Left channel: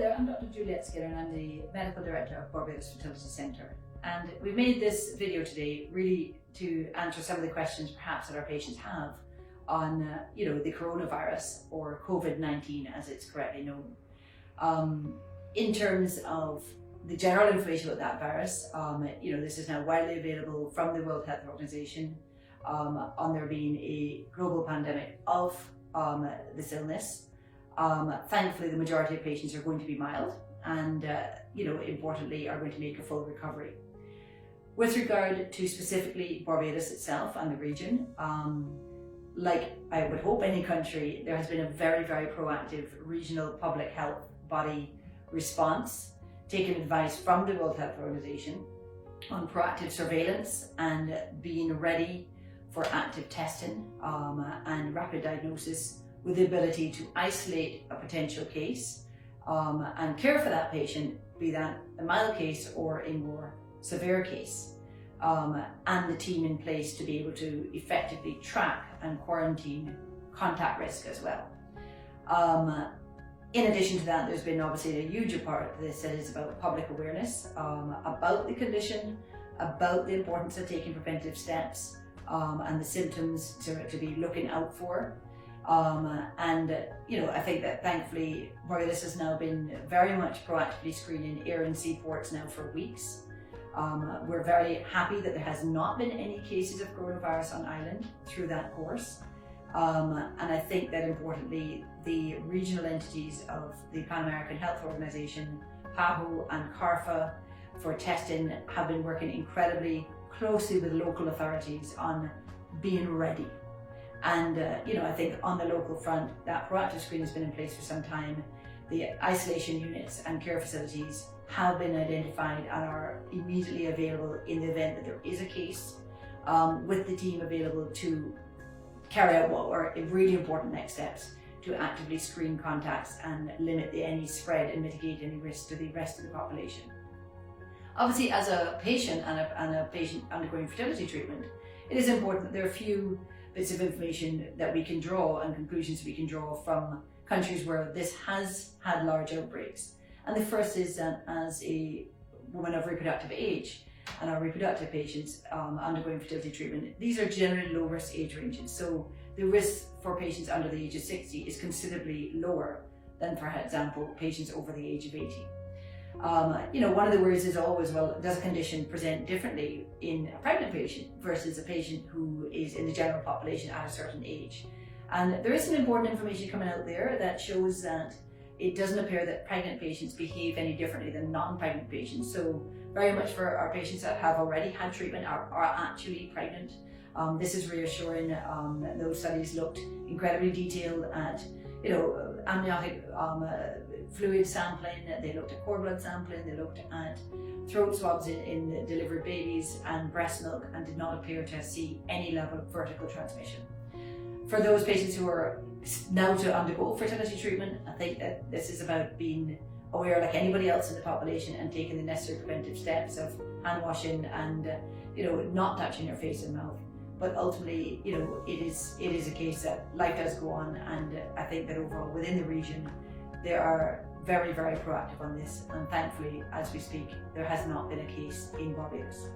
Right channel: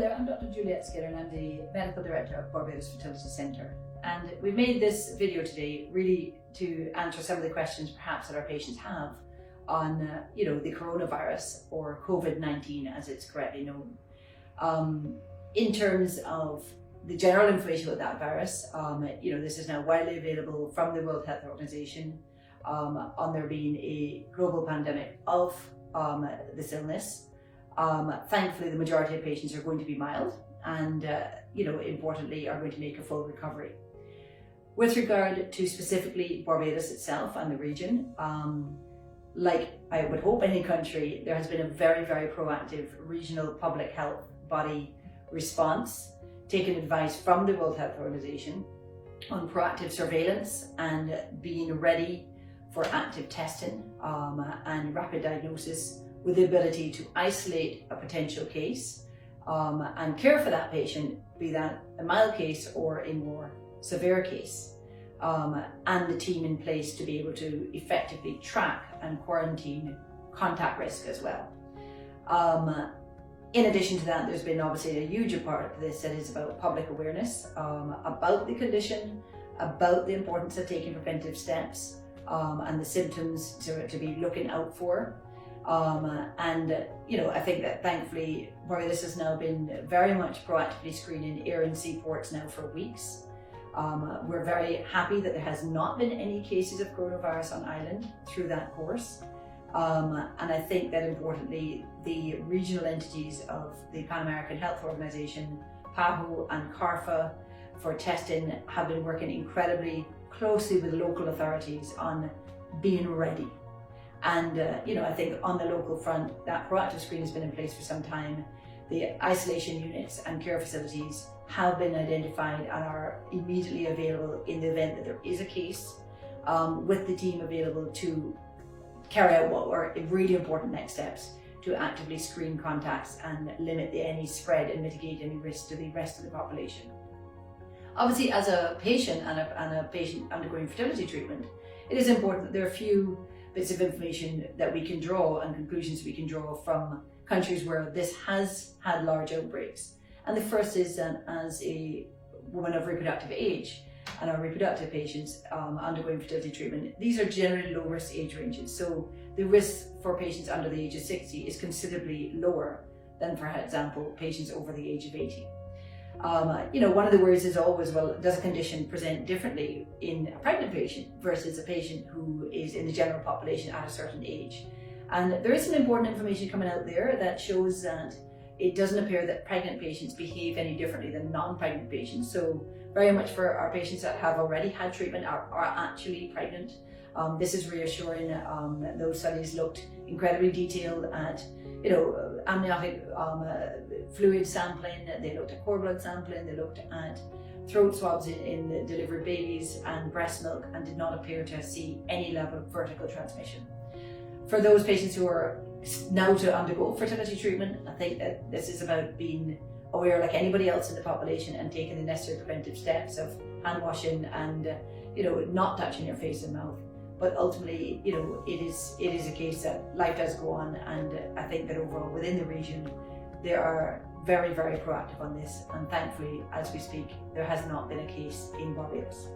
there, I'm Dr. Juliet and I'm the Medical Director of Barbados Fertility Centre. And we've made this video today really to answer some of the questions perhaps that our patients have on the coronavirus, or COVID19 as it's correctly known. In terms of the general information about that virus, this is now widely available from the World Health Organization on there being a global pandemic of this illness. Thankfully, the majority of patients are going to be mild and, importantly, are going to make a full recovery. With regard to specifically Barbados itself and the region, like I would hope any country, there has been a very, very proactive regional public health body response, taking advice from the World Health Organization on proactive surveillance and being ready for active testing and rapid diagnosis, with the ability to isolate a potential case and care for that patient, be that a mild case or a more severe case, and the team in place to be able to effectively track and quarantine contact risk as well. In addition to that, there's been obviously a huge part of this that is about public awareness about the condition, about the importance of taking preventive steps and the symptoms to be looking out for. I think that thankfully Barbados has now been very much proactively screening air and sea ports now for weeks. We're very happy that there has not been any cases of coronavirus on island through that course. And I think that importantly, the regional entities of the Pan American Health Organization, PAHO and CARFA for testing have been working incredibly closely with local authorities on being ready. And I think on the local front, that proactive screen has been in place for some time. The isolation units and care facilities have been identified and are immediately available in the event that there is a case, with the team available to carry out what are really important next steps to actively screen contacts and limit any spread and mitigate any risk to the rest of the population. Obviously, as a patient and a patient undergoing fertility treatment, it is important that there are a few bits of information that we can draw and conclusions we can draw from countries where this has had large outbreaks. And the first is that as a woman of reproductive age and our reproductive patients undergoing fertility treatment, these are generally low risk age ranges. So the risk for patients under the age of 60 is considerably lower than, for example, patients over the age of 80. One of the worries is always, well, does a condition present differently in a pregnant patient versus a patient who is in the general population at a certain age? And there is some important information coming out there that shows that it doesn't appear that pregnant patients behave any differently than non-pregnant patients. So very much for our patients that have already had treatment are actually pregnant. This is reassuring. Those studies looked incredibly detailed at amniotic fluid sampling, they looked at cord blood sampling, they looked at throat swabs in the delivered babies and breast milk, and did not appear to see any level of vertical transmission. For those patients who are now to undergo fertility treatment, I think that this is about being aware like anybody else in the population and taking the necessary preventive steps of hand washing and not touching your face and mouth. But ultimately, it is a case that life does go on, and I think that overall within the region, they are very, very proactive on this. And thankfully, as we speak, there has not been a case in Barbados.